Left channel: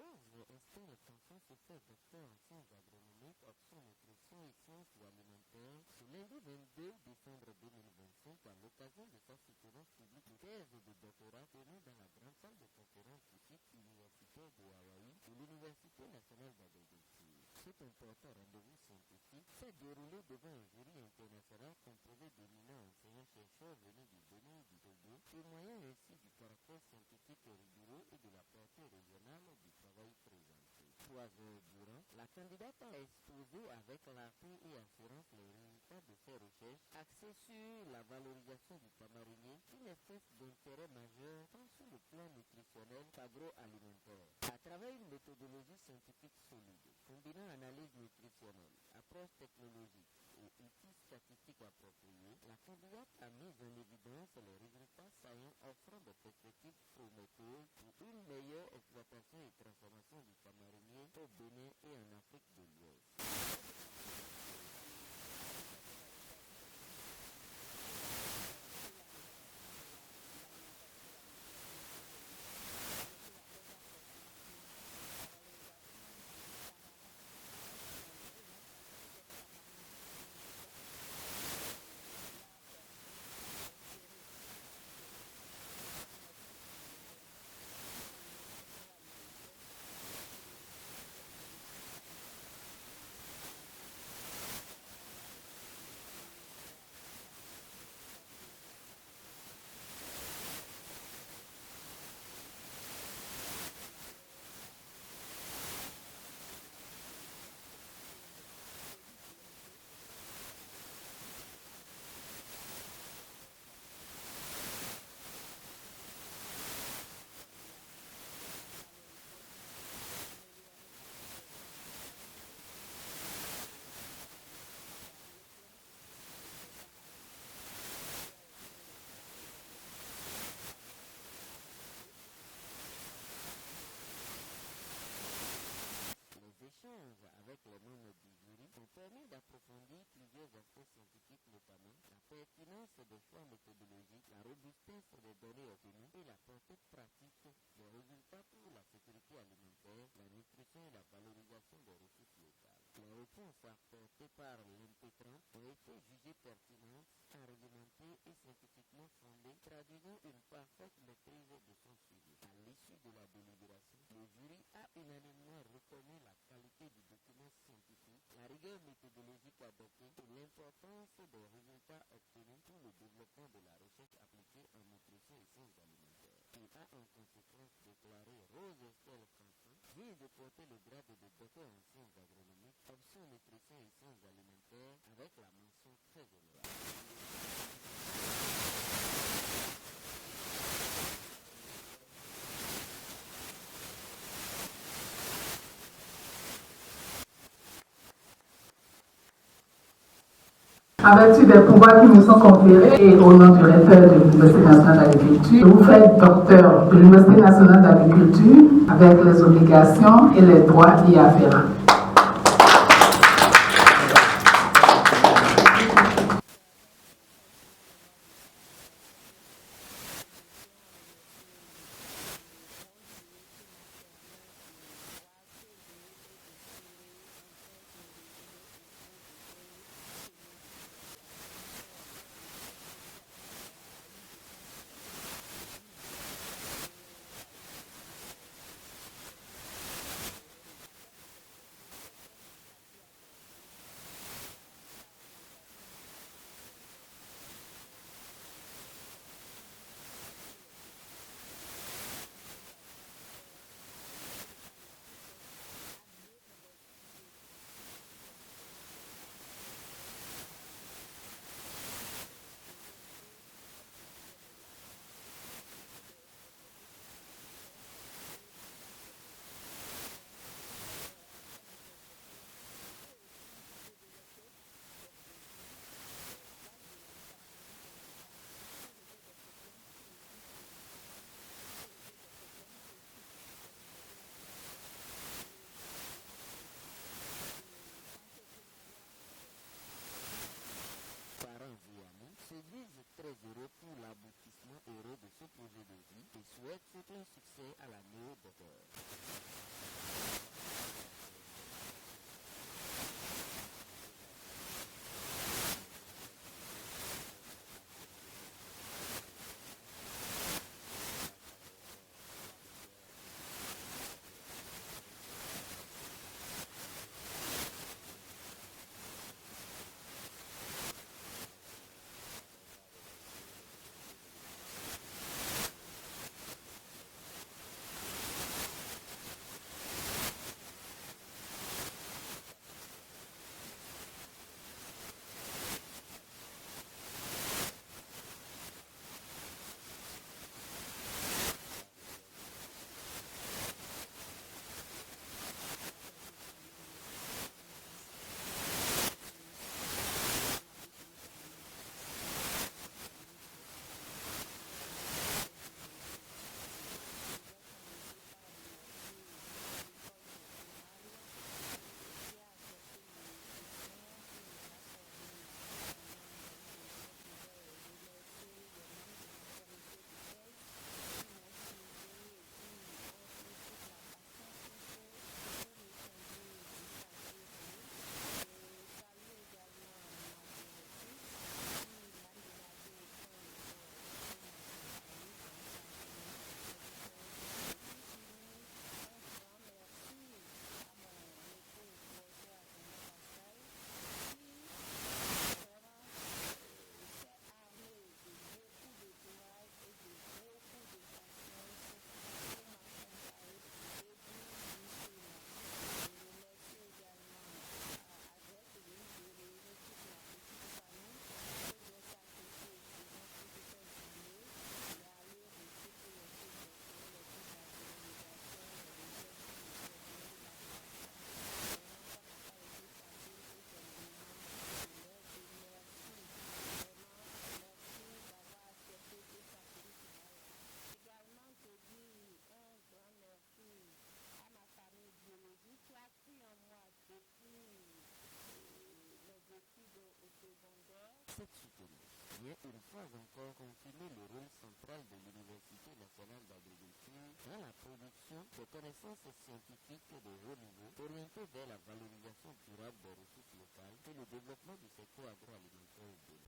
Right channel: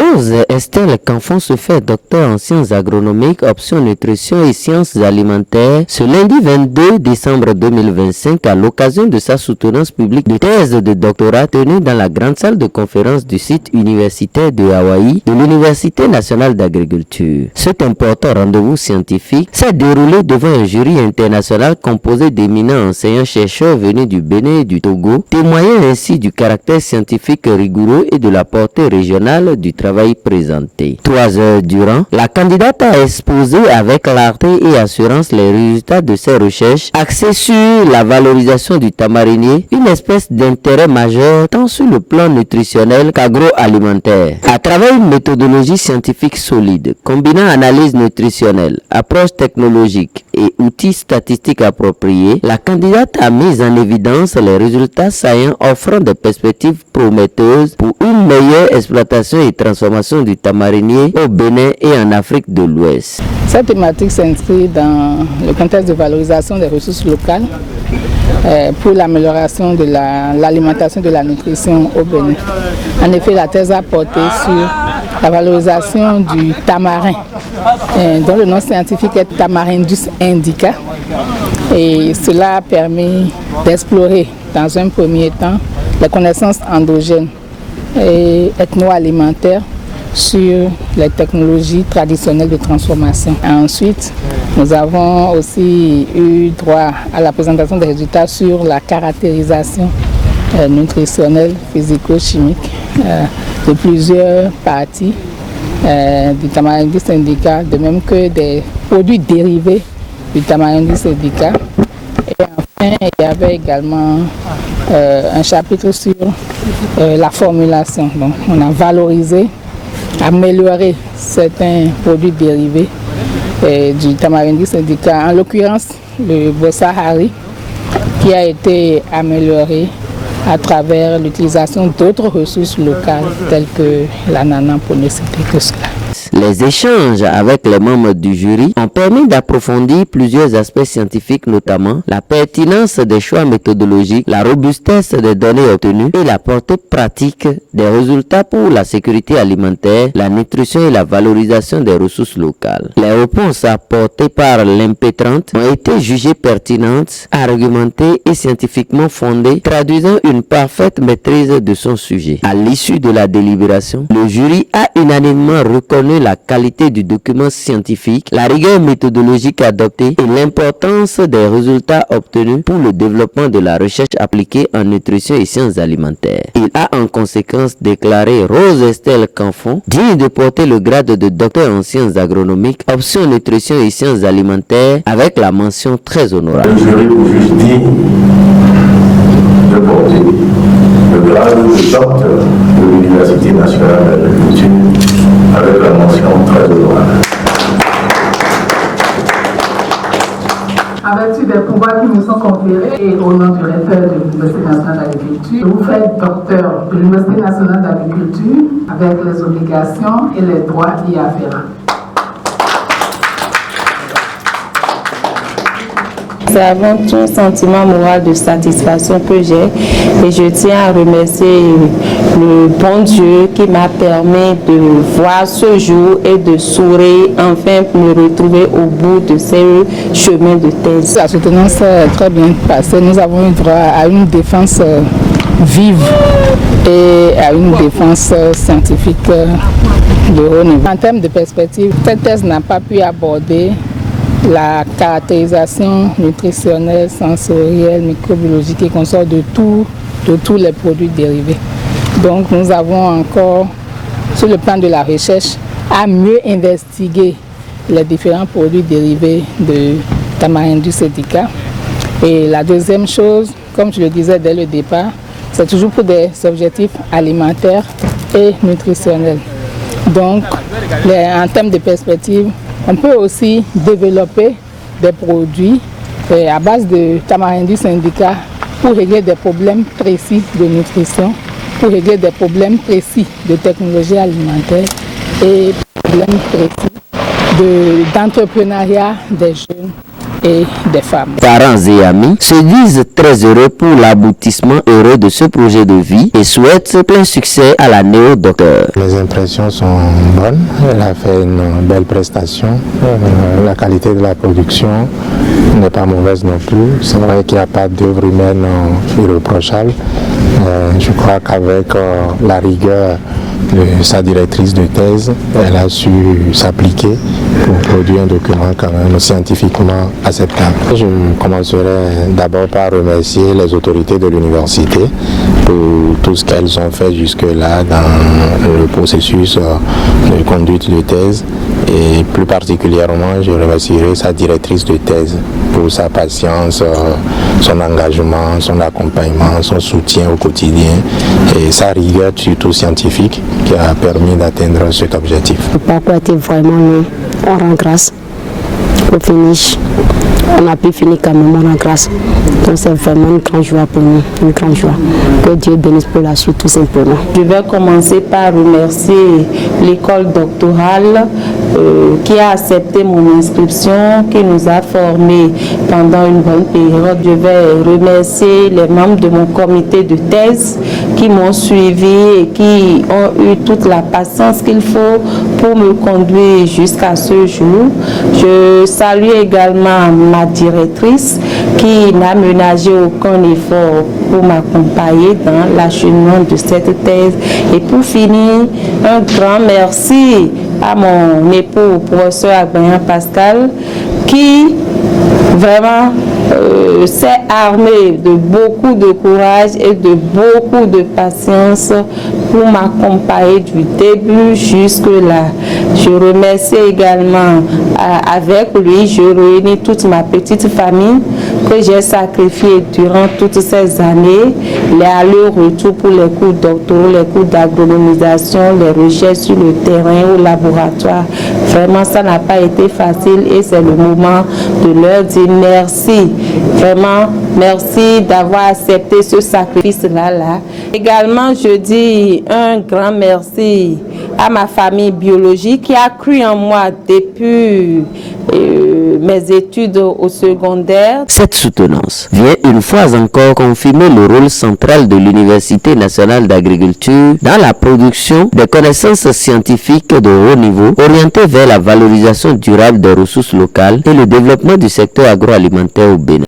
Rose Estelle Canfon se fait docteur en sciences agronomiques, option nutrition et sciences alimentaires ce lundi 22 décembre 2025 à l'occasion de sa soutenance publique de thèse de doctorat tenue dans la grande salle de conférence du site universitaire de Hawaï de l'Université nationale d'agriculture. Cet important rendez-vous scientifique s'est déroulé devant un jury international composé d'éminents enseignants-chercheurs venus du Bénin et du Togo, témoignant ainsi du caractère scientifique rigoureux et de la portée régionale du travail présenté. 3 heures durant, la candidate a exposé avec clarté et assurance les résultats de ses recherches axées sur la valorisation du tamarinier, une espèce d'intérêt majeur tant sur le plan nutritionnel qu'agroalimentaire. À travers une méthodologie scientifique solide, combinant analyse nutritionnelle, approche technologique et outils statistiques appropriés, la candidate a mis en évidence les résultats saillants offrant des perspectives prometteuses pour une meilleure exploitation et transformation du tamarinier au Bénin et en Afrique de l'Ouest. Cette thématique s'inscrit dans le contexte de valorisation des ressources locales pour l'amélioration de l'alimentation et de la nutrition au Bénin. En effet, la thèse a porté sur la valorisation du tamarin, dont le nom scientifique est Tamarindus indica. Et cela a permis d'explorer dans un premier temps les connaissances endogènes et ethno-alimentaires sur les technologies traditionnelles de transformation. Ensuite, nous avons aussi eu droit à la présentation des résultats sur la caractérisation nutritionnelle, physico-chimique de plusieurs parties du Tamarindus indica, de même que des produits dérivés du Tamarindus indica. Et enfin, il y avait également un chapitre sur la formulation. Donc, on a valorisé, amélioré certains produits dérivés du Tamarindus indica, en l'occurrence le Bossa Hari, qui a été amélioré à travers l'utilisation d'autres ressources locales telles que l'ananas, pour ne citer que cela. Les échanges avec les membres du jury ont permis d'approfondir plusieurs aspects scientifiques, notamment la pertinence des choix méthodologiques, la robustesse des données obtenues et la portée pratique des résultats pour la sécurité alimentaire, la nutrition et la valorisation des ressources locales. Les réponses apportées par l'impétrante ont été jugées pertinentes, argumentées et scientifiquement fondées, traduisant une parfaite maîtrise de son sujet. À l'issue de la délibération, le jury a unanimement reconnu la qualité du document scientifique, la rigueur méthodologique adoptée et l'importance des résultats obtenus pour le développement de la recherche appliquée en nutrition et sciences alimentaires. Il a en conséquence déclaré Rose Estelle Canfon digne de porter le grade de docteur en sciences agronomiques, option nutrition et sciences alimentaires avec la mention très honorable. Le jury vous juge digne de porter le grade de docteur de l'Université nationale d'agriculture avec la mention très honorable. En vertu des pouvoirs qui nous sont conférés et au nom du recteur de l'Université nationale d'agriculture, vous faites docteur de l'Université nationale d'agriculture avec les obligations et les droits y afférents. C'est avant tout un sentiment moral de satisfaction que j'ai et je tiens à remercier le bon Dieu qui m'a permis de voir ce jour et de sourire, enfin me retrouver au bout de ces chemins de thèse. La soutenance est très bien passée. Nous avons eu droit à une défense vive et à une défense scientifique de haut niveau. En termes de perspective, cette thèse n'a pas pu aborder la caractérisation nutritionnelle, sensorielle, microbiologique et consort de tous les produits dérivés. Donc nous avons encore, sur le plan de la recherche, à mieux investiguer les différents produits dérivés de Tamarindus indica. Et la deuxième chose, comme je le disais dès le départ, c'est toujours pour des objectifs alimentaires et nutritionnels. Donc, en termes de perspective, on peut aussi développer des produits à base de Tamarindus indica pour régler des problèmes précis de nutrition, pour régler des problèmes précis de technologie alimentaire et problèmes précis d'entrepreneuriat des jeunes et des femmes. Parents et amis se disent très heureux pour l'aboutissement heureux de ce projet de vie et souhaitent plein succès à la néo-docteur. Les impressions sont bonnes, elle a fait une belle prestation, la qualité de la production n'est pas mauvaise non plus. C'est vrai qu'il n'y a pas d'œuvre humaine irréprochable. Je crois qu'avec la rigueur de sa directrice de thèse, elle a su s'appliquer pour produire un document quand même scientifiquement acceptable. Je commencerai d'abord par remercier les autorités de l'université pour tout ce qu'elles ont fait jusque-là dans le processus de conduite de thèse. Et plus particulièrement, je remercierai sa directrice de thèse pour sa patience, son engagement, son accompagnement, son soutien au quotidien et sa rigueur surtout scientifique qui a permis d'atteindre cet objectif. Le parcours était vraiment long. On rend grâce au finish. On a pu finir quand même, on rend grâce. Donc c'est vraiment une grande joie pour nous, une grande joie. Que Dieu bénisse pour la suite tout simplement. Je vais commencer par remercier l'école doctorale qui a accepté mon inscription, qui nous a formés pendant une bonne période. Je vais remercier les membres de mon comité de thèse qui m'ont suivi et qui ont eu toute la patience qu'il faut pour me conduire jusqu'à ce jour. Je salue également ma directrice qui n'a ménagé aucun effort pour m'accompagner dans l'acheminement de cette thèse. Et pour finir, un grand merci à mon époux, professeur Agbayan Pascal, qui vraiment s'est armé de beaucoup de courage et de beaucoup de patience pour m'accompagner du début jusque-là. Je remercie également avec lui, je réunis toute ma petite famille que j'ai sacrifiée durant toutes ces années, les allers-retours pour les cours doctoraux, les cours d'agronomisation, les recherches sur le terrain au laboratoire. Vraiment, ça n'a pas été facile et c'est le moment de leur dire merci. Vraiment, merci d'avoir accepté ce sacrifice-là. Également, je dis un grand merci à ma famille biologique qui a cru en moi depuis mes études au secondaire. Cette soutenance vient une fois encore confirmer le rôle central de l'Université nationale d'agriculture dans la production des connaissances scientifiques de haut niveau orientées vers la valorisation durable des ressources locales et le développement du secteur agroalimentaire au Bénin.